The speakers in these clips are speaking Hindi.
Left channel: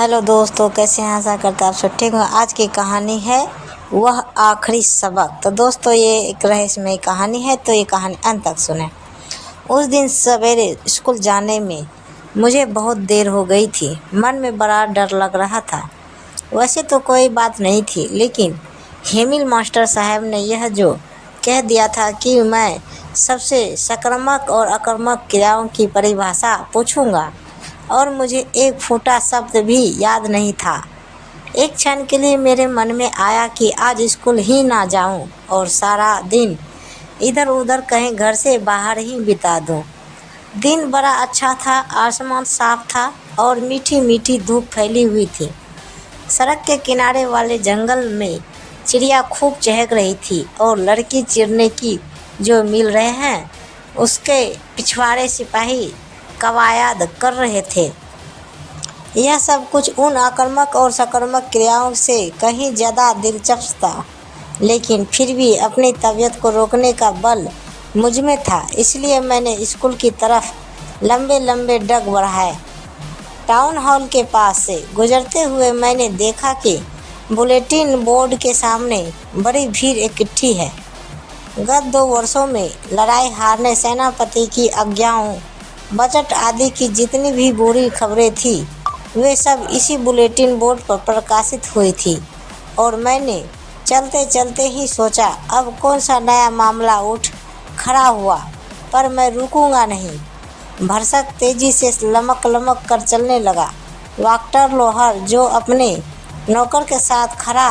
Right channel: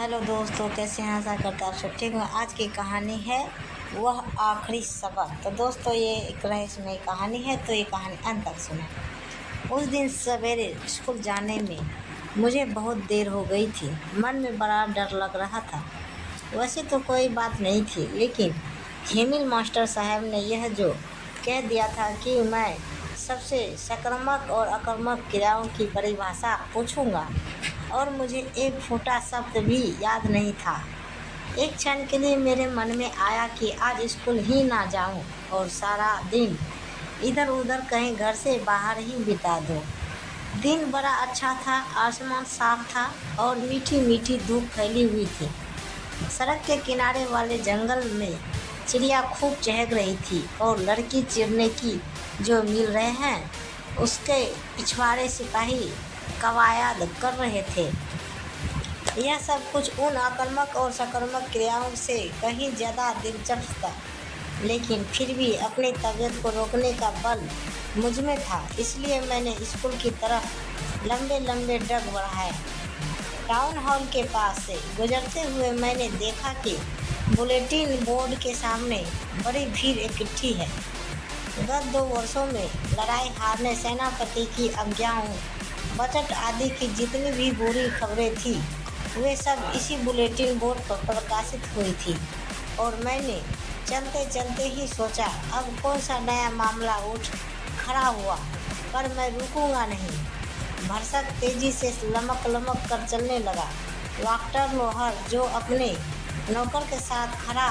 हेलो दोस्तों, कैसे हैं? आशा करता आप सब ठीक हो। आज की कहानी है वह आखिरी सबक। तो दोस्तों, ये एक रहस्यमय कहानी है, तो ये कहानी अंत तक सुने। उस दिन सवेरे स्कूल जाने में मुझे बहुत देर हो गई थी। मन में बड़ा डर लग रहा था। वैसे तो कोई बात नहीं थी, लेकिन हेमिल मास्टर साहब ने यह जो कह दिया था कि मैं सबसे सकारात्मक और आक्रामक क्रियाओं की परिभाषा पूछूंगा, और मुझे एक फूटा शब्द भी याद नहीं था। एक क्षण के लिए मेरे मन में आया कि आज स्कूल ही ना जाऊं और सारा दिन इधर उधर कहीं घर से बाहर ही बिता दूं। दिन बड़ा अच्छा था, आसमान साफ था और मीठी मीठी धूप फैली हुई थी। सड़क के किनारे वाले जंगल में चिड़िया खूब चहक रही थी और लड़की चिड़ने की जो मिल रहे हैं उसके पिछवाड़े सिपाही कवायद कर रहे थे। यह सब कुछ उन आक्रामक और सकारात्मक क्रियाओं से कहीं ज़्यादा दिलचस्प था, लेकिन फिर भी अपनी तबीयत को रोकने का बल मुझ में था। इसलिए मैंने स्कूल की तरफ लंबे लंबे डग बढ़ाए। टाउन हॉल के पास से गुजरते हुए मैंने देखा कि बुलेटिन बोर्ड के सामने बड़ी भीड़ इकट्ठी है। गत 2 वर्षों में लड़ाई हारने सेनापति की आज्ञाओं, बजट आदि की जितनी भी बुरी खबरें थी, वे सब इसी बुलेटिन बोर्ड पर प्रकाशित हुई थी। और मैंने चलते चलते ही सोचा, अब कौन सा नया मामला उठ खड़ा हुआ, पर मैं रुकूंगा नहीं। भरसक तेजी से लमक लमक कर चलने लगा। डॉक्टर लोहर, जो अपने नौकर के साथ खड़ा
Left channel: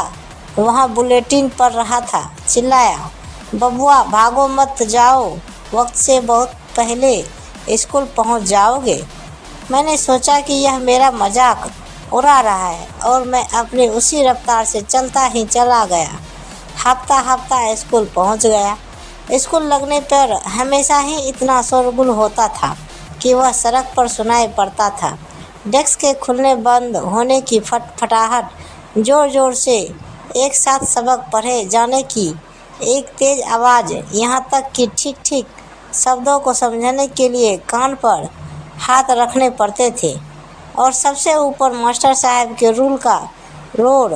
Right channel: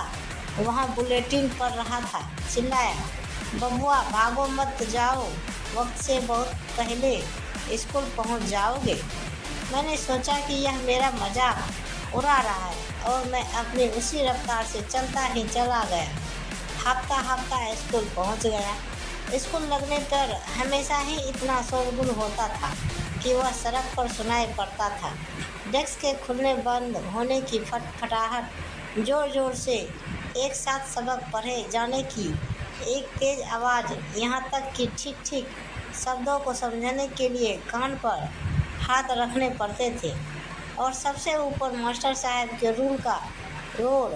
वहाँ बुलेटिन पढ़ रहा था, चिल्लाया, बबुआ भागो मत जाओ, वक्त से बहुत पहले स्कूल पहुँच जाओगे। मैंने सोचा कि यह मेरा मजाक उड़ा रहा है और मैं अपनी उसी रफ्तार से चलता ही चला गया। हफ्ता हफ्ता स्कूल पहुंच गया। स्कूल लगने पर हमेशा ही इतना शोरगुल होता था कि वह सड़क पर सुनाई पड़ता था। डेस्क के खुलने बंद होने की फटफटाहट, जोर जोर से एक साथ सबक पढ़े जाने की एक तेज आवाज़, यहाँ तक कि ठीक ठीक शब्दों को समझने के लिए कान पर हाथ रखने पड़ते थे। और सबसे ऊपर मास्टर साहब के रूल का लोड,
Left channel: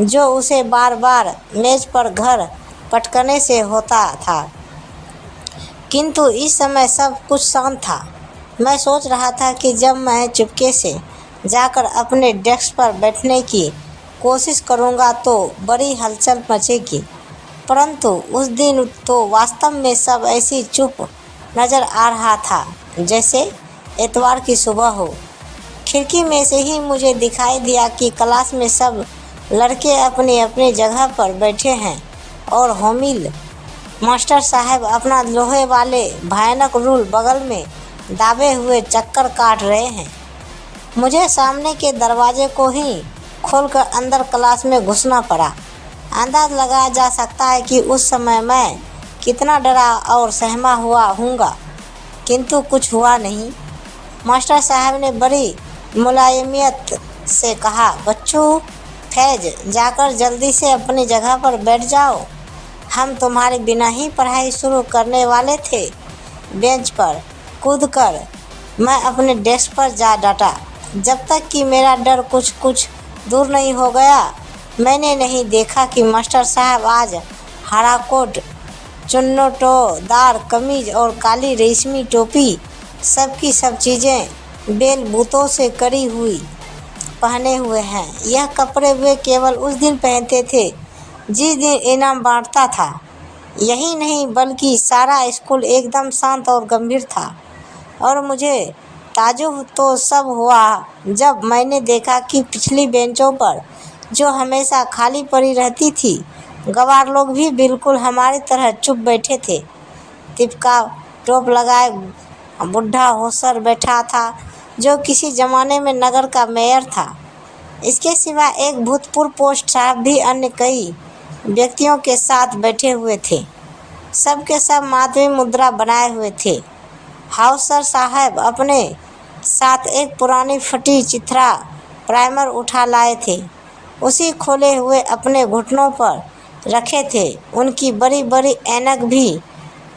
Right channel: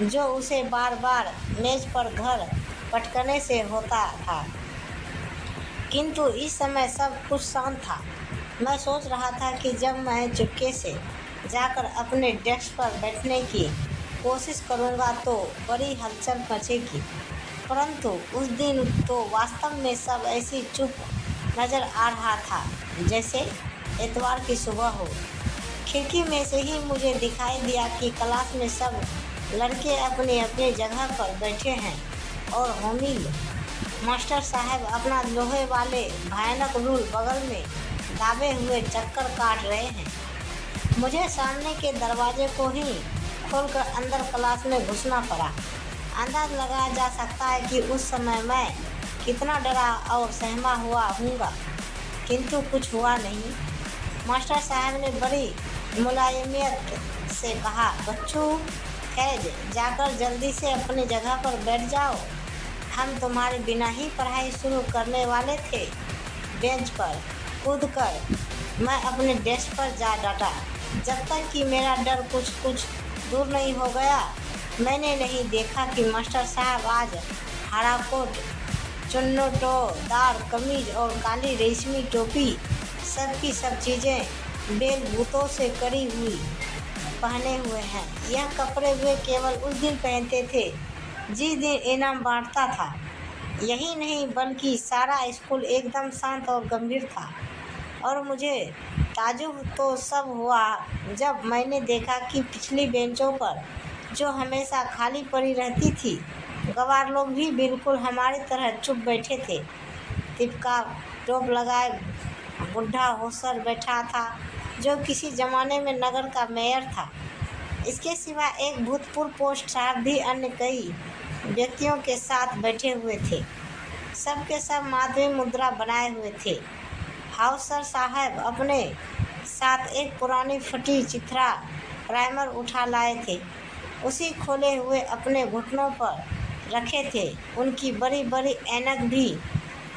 जो उसे बार बार मेज पर घर पटकने से होता था। किंतु इस समय सब कुछ शांत था। मैं सोच रहा था कि जब मैं चुपके से जाकर अपने डेस्क पर बैठने की कोशिश करूंगा तो बड़ी हलचल मचेगी, परंतु उस दिन तो वास्तव में सब ऐसी चुप नज़र आ रहा था जैसे इतवार की सुबह हो। खिड़की में से ही मुझे दिखाई दिया कि क्लास में सब लड़के अपनी अपनी जगह पर बैठे हैं और होमिल मास्टर साहब अपना लोहे वाले भयानक रूल बगल में दाबे हुए चक्कर काट रहे हैं। मुझे सामने के दरवाजे को ही खोलकर अंदर क्लास में घुसना पड़ा। अंदाज लगाया जा सकता है कि उस समय मैं कितना डरा और सहमा हुआ हूँगा, किंतु कुछ हुआ नहीं। मास्टर साहब ने बड़ी मुलायमियत से कहा, बच्चों, फैज जाकर जल्दी से अपनी जगह पर बैठ जाओ। हम तुम्हारे बिना ही पढ़ाई शुरू करने वाले थे। बेंच पर कूदकर मैं अपने डेस्क पर जा डटा। जब तक कि मेरा डर कुछ कुछ दूर नहीं हो गया, मैंने नहीं देखा कि मास्टर साहब आज हरा कोट, चुन्नटोदार कमीज और काली रेशमी टोपी, सबकी सब चीज़ें बेल बूतों से करी हुई पहने हुए हैं। यह कपड़े वे केवल उस दिन पहनते थे जिस दिन इनाम बांटता था। यही नहीं बल्कि सारा स्कूल एकदम शांत और गंभीर था। और मुझे ताज्जुब तो सब हुआ जब मैंने देखा कि पिछली बेंचों पर, जो हमेशा खाली पड़ी रहती थी, गवार लोग भी बिल्कुल हमारी तरह चुप बैठे थे। तिपका टोप लगाए बुढ़ा होसर बैठा था, जो किसी ज़माने में नगर का मेयर था। इसके सिवा एक भूतपूर्व पोस्ट साहब भी अन्य कई व्यक्तियों के साथ बैठे हुए थे। सबके सब माधवी मुद्रा बनाए हुए थे। हाउसर साहब अपने साथ एक पुरानी फटी चिथरा प्राइमर उठा लाए थे। उसी खोले हुए अपने घुटनों पर रखे थे। उनकी बड़ी बड़ी ऐनक भी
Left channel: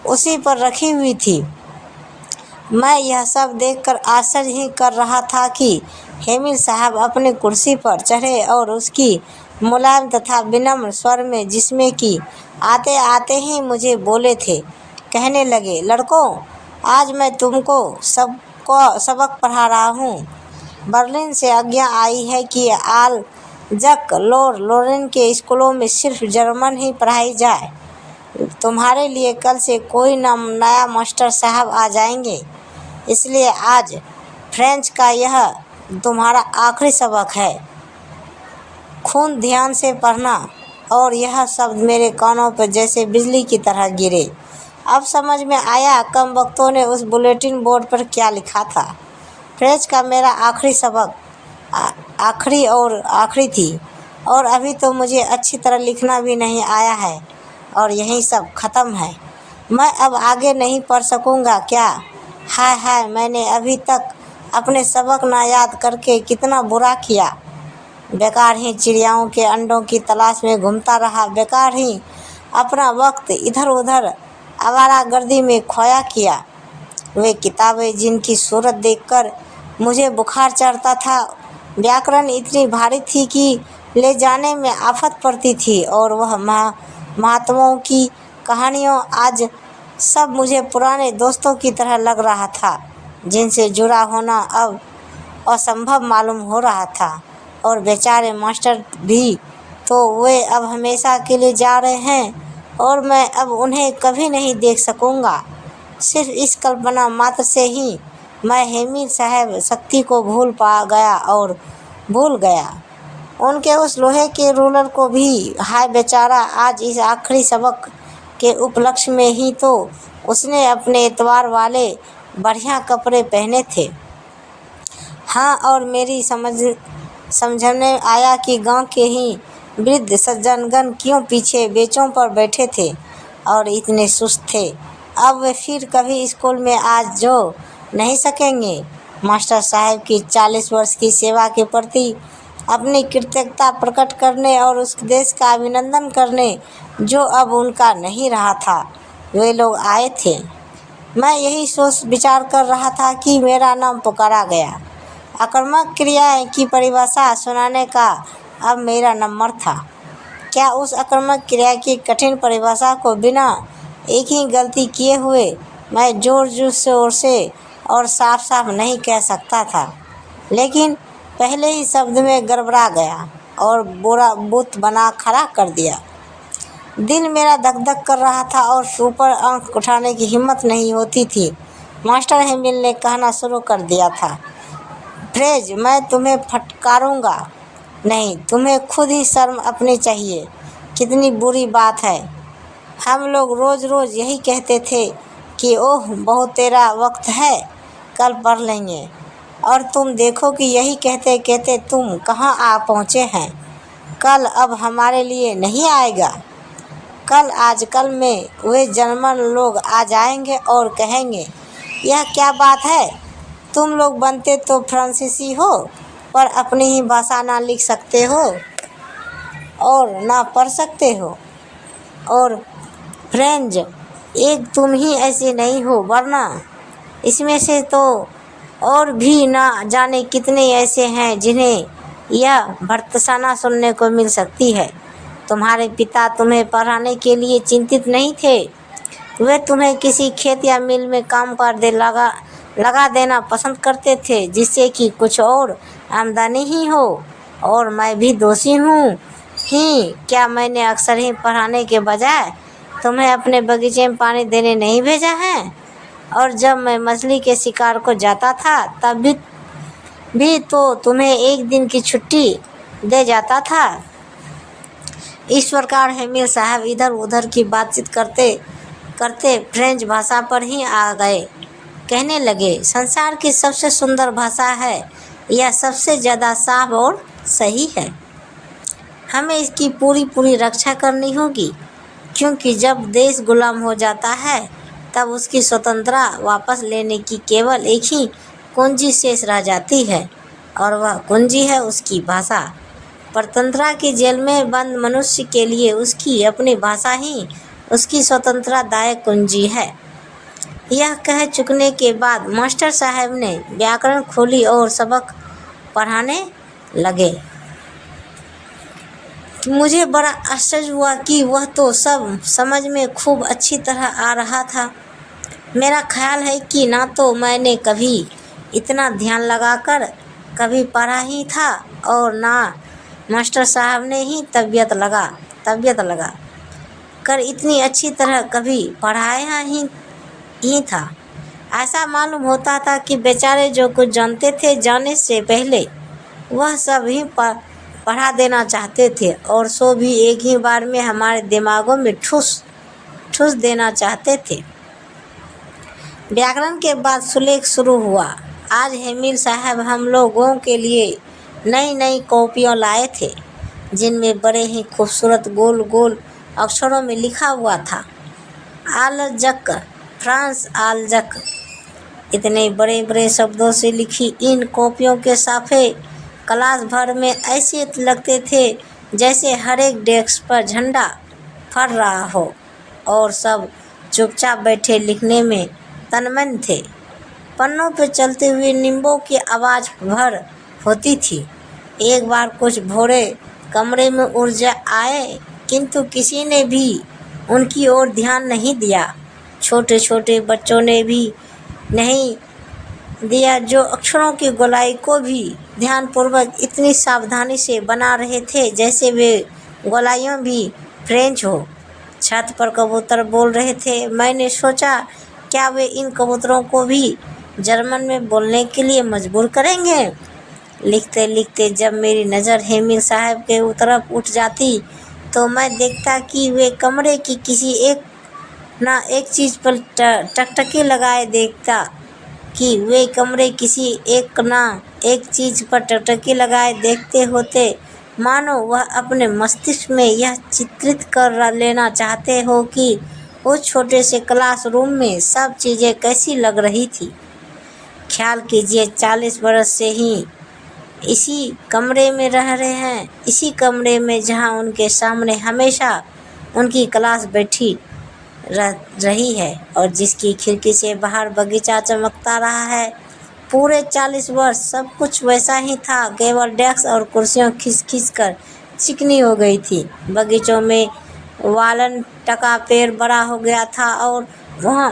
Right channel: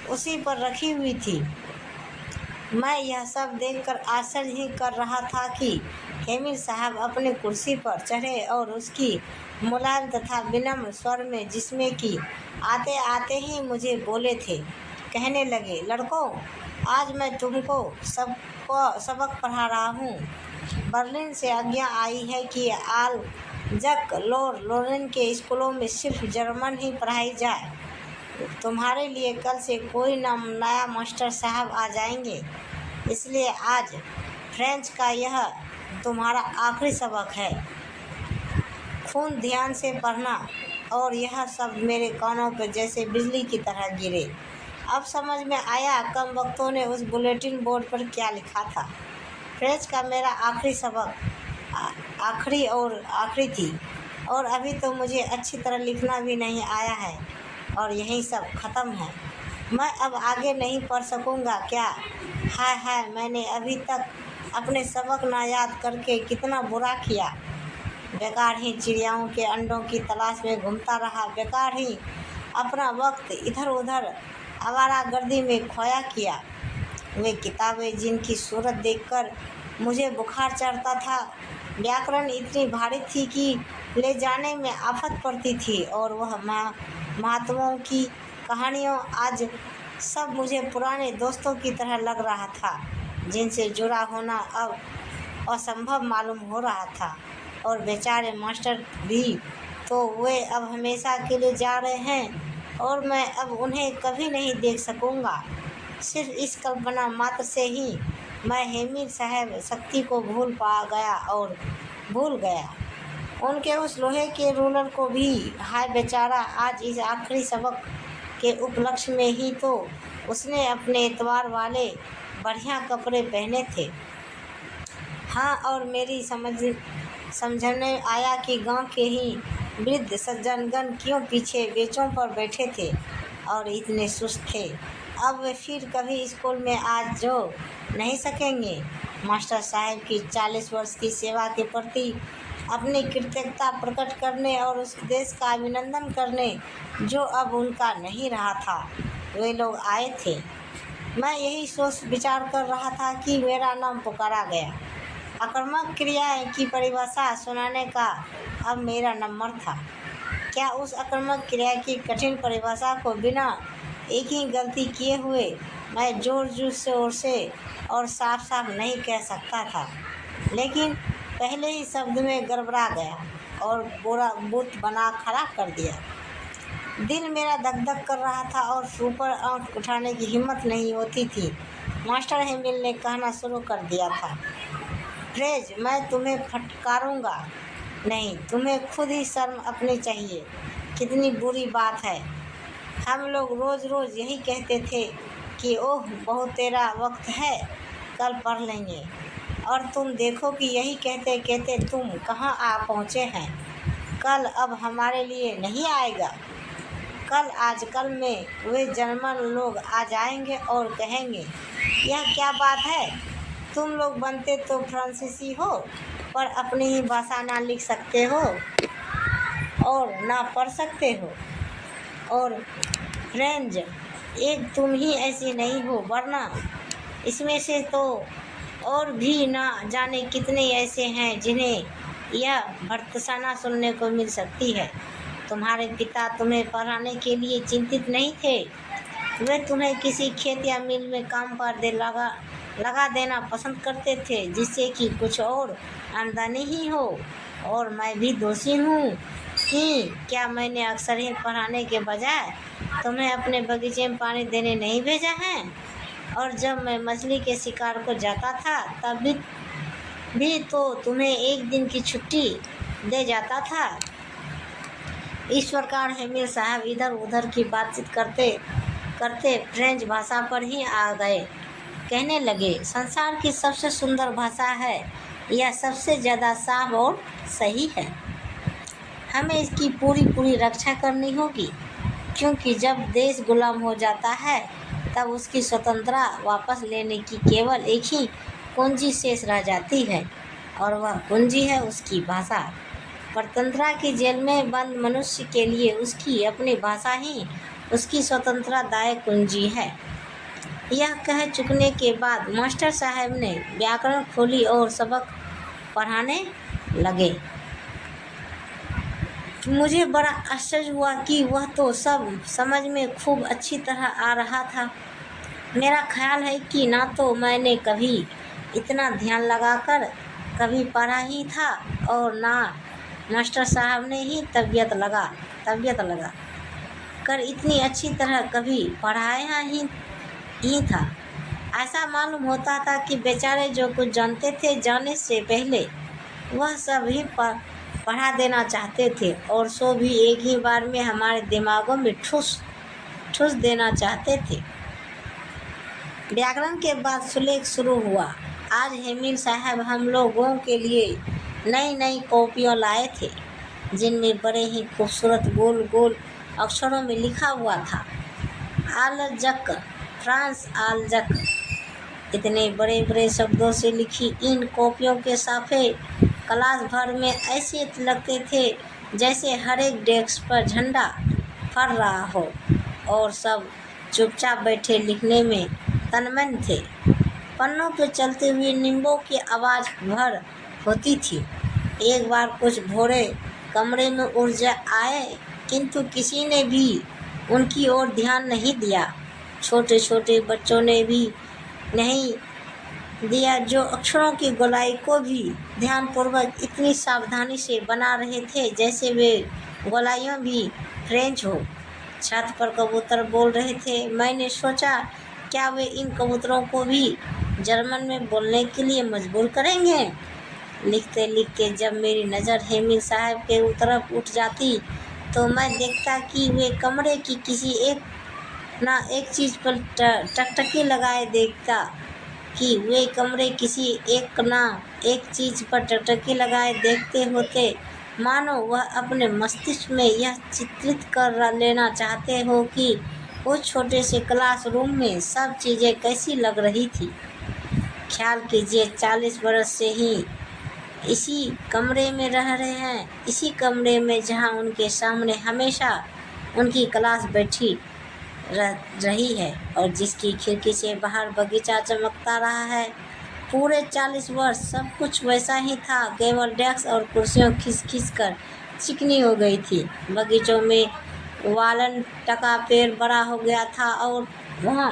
उसी पर रखी हुई थी। मैं यह सब देखकर आश्चर्य ही कर रहा था कि हेमिल साहब अपनी कुर्सी पर चढ़े और उसकी मुलायम तथा विनम्र स्वर में, जिसमें कि आते आते ही मुझे बोले थे, कहने लगे, लड़कों, आज मैं तुमको सबक पढ़ा रहा हूँ। बर्लिन से आज्ञा आई है कि आल जक लॉर्ड लोरेन के स्कूलों में सिर्फ जर्मन ही पढ़ाई जाए। तुम्हारे लिए कल से कोई नया मास्टर साहब आ जाएंगे, इसलिए आज फ्रेंच का यह तुम्हारा आखिरी सबक है। खून ध्यान से पढ़ना। और यह शब्द मेरे कानों पर जैसे बिजली की तरह गिरे। अब समझ में आया कम वक्तों ने उस बुलेटिन बोर्ड पर क्या लिखा था। फ्रेंच का मेरा आखिरी सबक आखिरी थी और अभी तो मुझे अच्छी तरह लिखना भी नहीं आया है और यही सब ख़त्म है। मैं अब आगे नहीं पढ़ सकूँगा क्या? हाय हाय, मैंने अभी तक अपने सबक ना याद करके कितना बुरा किया। बेकार ही चिड़ियाओं के अंडों की तलाश में घूमता रहा, बेकार ही अपना वक्त इधर उधर आवारागर्दी में खोया किया। वे किताबें जिनकी सूरत देखकर मुझे बुखार चढ़ता था, व्याकरण इतनी भारी थी कि ले जाने में आफत पड़ती थी, और वह महात्माओं की कहानियों आज सब मुझे पुराने दोस्तों की तरह लग रहा था, जिनसे जुड़ा होना अब असंभव मालूम हो रहा था। और बेचारे मास्टर भी तो वे अब हमेशा के लिए जा रहे हैं और मैं अब उन्हें कभी नहीं देख सकूँगा। सिर्फ इस कल्पना मात्र से ही मैं हेमिल साहब शक्ति को भूल गया, उनके उस लोहे के रूलर को भी। हाय बेचारा, आज इस आखिरी सबक के उपलक्ष्य में ही तो उसने अपने एतवार वाले बढ़िया कपड़े पहने थे। हाँ, और मेरी समझने आया कि गांव के ही वृद्ध सज्जनगण क्यों पीछे बेंचों पर बैठे थे और इतने सुस्त थे। अब वे फिर कभी स्कूल में आज जो नहीं सकेंगे। मास्टर साहब की 40 वर्ष की सेवा के प्रति अपनी कृतज्ञता प्रकट करने और उस देश का अभिनंदन करने जो अब उनका नहीं रहा था, वे लोग आए थे। मैं यही सोच विचार कर रहा था कि मेरा नाम पुकारा गया। आक्रामक क्रिया की परिभाषा सुनाने का अब मेरा नंबर था। क्या उस आक्रामक क्रिया की कठिन परिभाषा को बिना एक ही गलती किए हुए मैं जोर से और साफ साफ नहीं कह सकता था, लेकिन पहले ही शब्द में गड़बड़ा गया और बुरा बुत बना खड़ा कर दिया। दिल मेरा धक धक कर रहा था और ऊपर आंख उठाने की हिम्मत नहीं होती थी। मास्टर हेमिल ने कहना शुरू कर दिया था, फ्रेज, मैं तुम्हें फटकारूंगा नहीं, तुम्हें खुद ही शर्म अपनी चाहिए। कितनी बुरी बात है। हम लोग रोज़ रोज़ यही कहते थे कि ओह बहुत तेरा वक्त है, कल पढ़ लेंगे, और तुम देखो कि यही कहते कहते तुम कहाँ आ पहुँचे हैं। कल अब हमारे लिए नहीं आएगा। कल आजकल में वे जर्मन लोग आ जाएंगे और कहेंगे, यह क्या बात है, तुम लोग बनते तो फ्रांसीसी हो पर अपनी ही भाषा ना लिख सकते हो और ना पढ़ सकते हो, और फ्रेंच एक तुम ही ऐसे नहीं हो, वरना इसमें से तो और भी ना जाने कितने ऐसे हैं जिन्हें यह भर्त्सना सुनने को मिल सकती है। तुम्हारे पिता तुम्हें पढ़ाने के लिए चिंतित नहीं थे, वे तुम्हें किसी खेत या मिल में काम पर लगा देना पसंद करते थे, जिससे कि कुछ और आमदनी ही हो। और मैं भी दोषी हूँ ही क्या? मैंने अक्सर ही पढ़ाने के बजाय तुम्हें अपने बगीचे में पानी देने नहीं भेजा है, और जब मैं मछली के शिकार को जाता था तब भी तो तुम्हें एक दिन की छुट्टी दे जाता था। इस प्रकार हेमिल साहब इधर उधर की बातचीत करते करते फ्रेंच भाषा पर ही आ गए। कहने लगे, संसार की सबसे सुंदर भाषा है, यह सबसे ज़्यादा साफ और सही है। हमें इसकी पूरी रक्षा करनी होगी, क्योंकि जब देश गुलाम हो जाता है तब उसकी स्वतंत्रता वापस लेने की केवल एक ही कुंजी शेष रह जाती है, और वह कुंजी है उसकी भाषा। परतंत्रा की जेल में बंद मनुष्य के लिए उसकी अपनी भाषा ही उसकी स्वतंत्रतादायक कुंजी है। यह कह चुकने के बाद मास्टर साहब ने व्याकरण खोली और सबक पढ़ाने लगे। मुझे बड़ा आश्चर्य हुआ कि वह तो सब समझ में खूब अच्छी तरह आ रहा था। मेरा ख्याल है कि ना तो मैंने कभी इतना ध्यान लगाकर कभी पढ़ा ही था और ना मास्टर साहब ने ही तबीयत लगा कर इतनी अच्छी तरह कभी पढ़ाया ही था। ऐसा मालूम होता था कि बेचारे जो कुछ जानते थे जाने से पहले वह सब ही पढ़ा देना चाहते थे और सो भी एक ही बार में हमारे दिमागों में ठूस देना चाहते थे। व्याकरण के बाद सुलेख शुरू हुआ। आज हेमिल साहब हम लोगों के लिए नई कॉपियाँ लाए थे जिनमें बड़े ही खूबसूरत गोल गोल अक्षरों में लिखा हुआ था आलजक, फ्रांस आलजक। इतने बड़े बड़े शब्दों से लिखी इन कॉपियों के साफे क्लास भर में ऐसे लगते थे जैसे हर एक डेस्क पर झंडा फहर रहा हो और सब चुपचाप बैठे लिखने में तन्मय थे। पन्नों पर चलते हुए नींबों की आवाज़ भर होती थी। एक बार कुछ भोरे कमरे में उड़ आए किंतु किसी ने भी उनकी ओर ध्यान नहीं दिया। छोटे छोटे बच्चों ने भी नहीं दिया जो अक्षरों की गोलाई को भी ध्यानपूर्वक इतनी सावधानी से बना रहे थे जैसे वे गोलाइयाँ भी फ्रेंच हो। छत पर कबूतर बोल रहे थे। मैंने सोचा क्या वे इन कबूतरों को भी जर्मन में बोलने के लिए मजबूर करेंगे। लिखते लिखते जब मेरी नज़र हेमिल साहब के तरफ उठ जाती तो मैं देखता कि वे कमरे की किसी एक चीज़ पर टकटकी लगाए देखता कि वे कमरे किसी एक चीज़ पर टकटकी लगाए देखते होते मानो वह अपने मस्तिष्क में यह चित्रित कर लेना चाहते हो कि उस छोटे से क्लासरूम में सब चीज़ें कैसी लग रही थी। ख्याल कीजिए 40 बरस से ही इसी कमरे में रह रहे हैं, इसी कमरे में जहां उनके सामने हमेशा उनकी क्लास बैठी रही है और जिसकी खिड़की से बाहर बगीचा चमकता रहा है। पूरे 40 वर्ष सब कुछ वैसा ही था, केवल डेस्क और कुर्सियां खिंच कर चिकनी हो गई थी। बगीचों में वालन टका पेड़ बड़ा हो गया था और वहाँ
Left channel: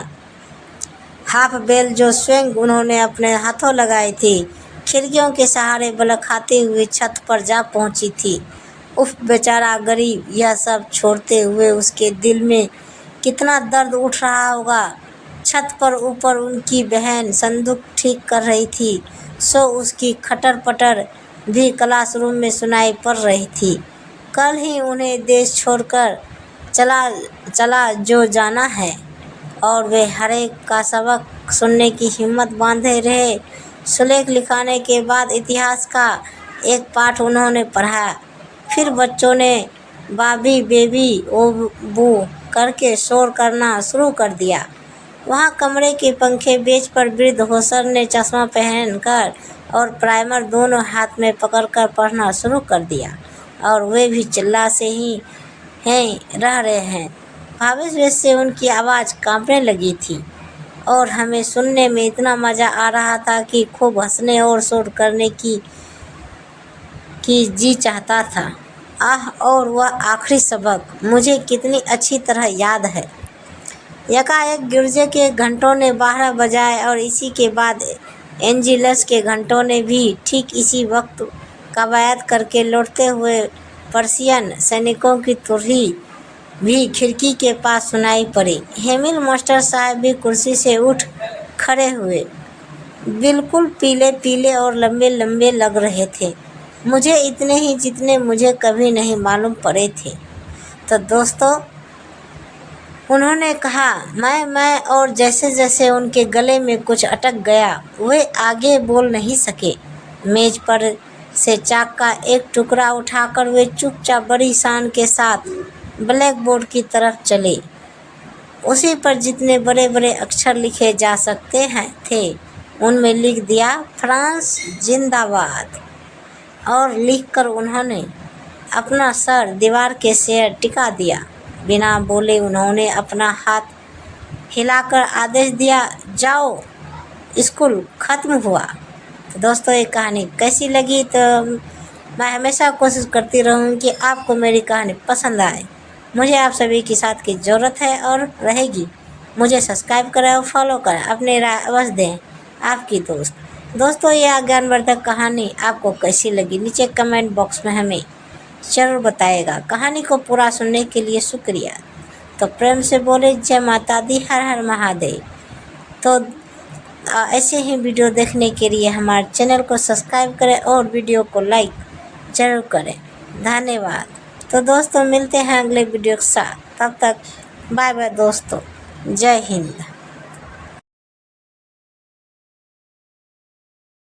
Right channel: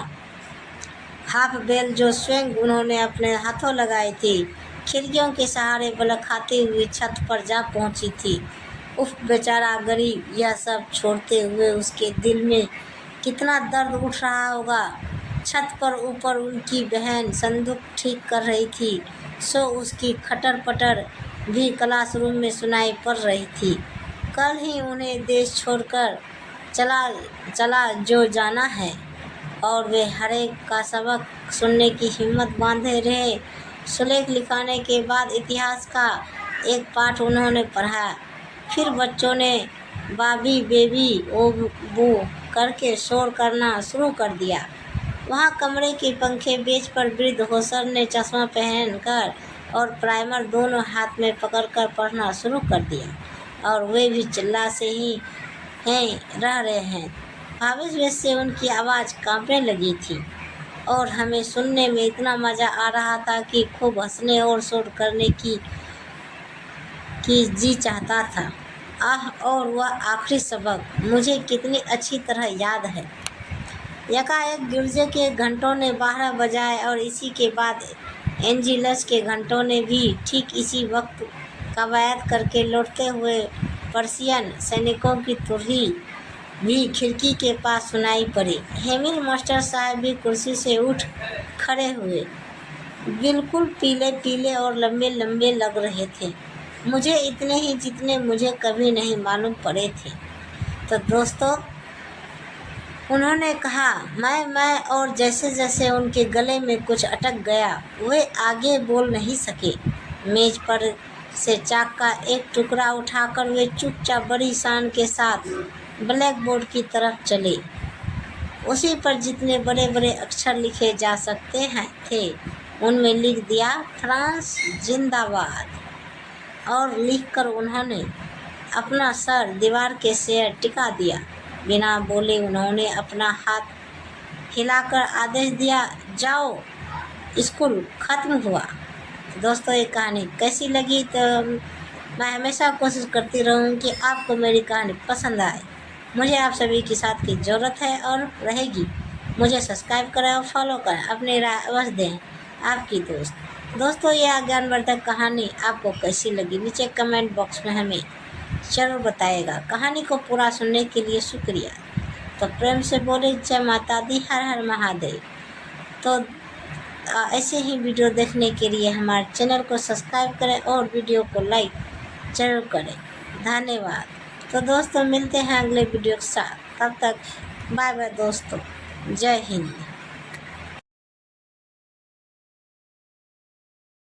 हाफ बेल जो स्वयं उन्होंने अपने हाथों लगाई थी खिड़कियों के सहारे बलक खाते हुए छत पर जा पहुंची थी। उफ बेचारा गरीब, यह सब छोड़ते हुए उसके दिल में कितना दर्द उठ रहा होगा। छत पर ऊपर उनकी बहन संदूक ठीक कर रही थी सो उसकी खटर पटर भी क्लासरूम में सुनाई पड़ रही थी। कल ही उन्हें देश छोड़कर चला जो जाना है और वे हर एक का सबक सुनने की हिम्मत बांधे रहे। सुलेख लिखाने के बाद इतिहास का एक पाठ उन्होंने पढ़ा। फिर बच्चों ने बाबी बेबी ओ बू करके शोर करना शुरू कर दिया। वहाँ कमरे के पंखे बेंच पर वृद्ध होसर ने चश्मा पहनकर और प्राइमर दोनों हाथ में पकड़कर पढ़ना शुरू कर दिया और वे भी चिल्ला से ही रह रहे हैं। भावेश से उनकी आवाज़ कांपने लगी थी और हमें सुनने में इतना मज़ा आ रहा था कि खूब हंसने और शोर करने की जी चाहता था। आह, और वह आखिरी सबक मुझे कितनी अच्छी तरह याद है। यकाएक गिरजे के घंटों ने 12 बजाए और इसी के बाद एंजिलस के घंटों ने भी ठीक इसी वक्त कवायद करके लौटते हुए पर्शियन सैनिकों की तुरही भी खिड़की के पास सुनाई पड़ी। हेमिल मास्टर साहब भी कुर्सी से उठ खड़े हुए, बिल्कुल पीले पीले और लंबे लंबे लग रहे थे, मुझे इतने ही जितने मुझे कभी नहीं मालूम पड़े थे। तो दोस्तों, उन्होंने कहा मैं और जैसे जैसे उनके गले में कुछ अटक गया वे आगे बोल नहीं सके। मेज पर से चाक का एक टुकड़ा उठाकर वे चुपचाप बड़ी शान के साथ ब्लैक बोर्ड की तरफ चले। उसी पर जितने बड़े बड़े अक्षर लिखे जा सकते थे उनमें लिख दिया फ्रांस जिंदाबाद और लिखकर उन्होंने अपना सर दीवार के सिर टिका दिया। बिना बोले उन्होंने अपना हाथ हिलाकर आदेश दिया, जाओ, स्कूल खत्म हुआ। तो दोस्तों ये कहानी कैसी लगी, तो मैं हमेशा कोशिश करती रहूँगी कि आपको मेरी कहानी पसंद आए। मुझे आप सभी की साथ की ज़रूरत है और रहेगी। मुझे सब्सक्राइब करें और फॉलो करें, अपनी राय अवश्य दें। आपकी दोस्तों ये ज्ञानवर्धक कहानी आपको कैसी लगी नीचे कमेंट बॉक्स में हमें ज़रूर बताइएगा। कहानी को पूरा सुनने के लिए शुक्रिया। तो प्रेम से बोले जय माता दी, हर हर महादेव। तो ऐसे ही वीडियो देखने के लिए हमारे चैनल को सब्सक्राइब करें और वीडियो को लाइक ज़रूर करें। धन्यवाद। तो दोस्तों मिलते हैं अगले वीडियो के साथ, तब तक बाय बाय दोस्तों, जय हिंद।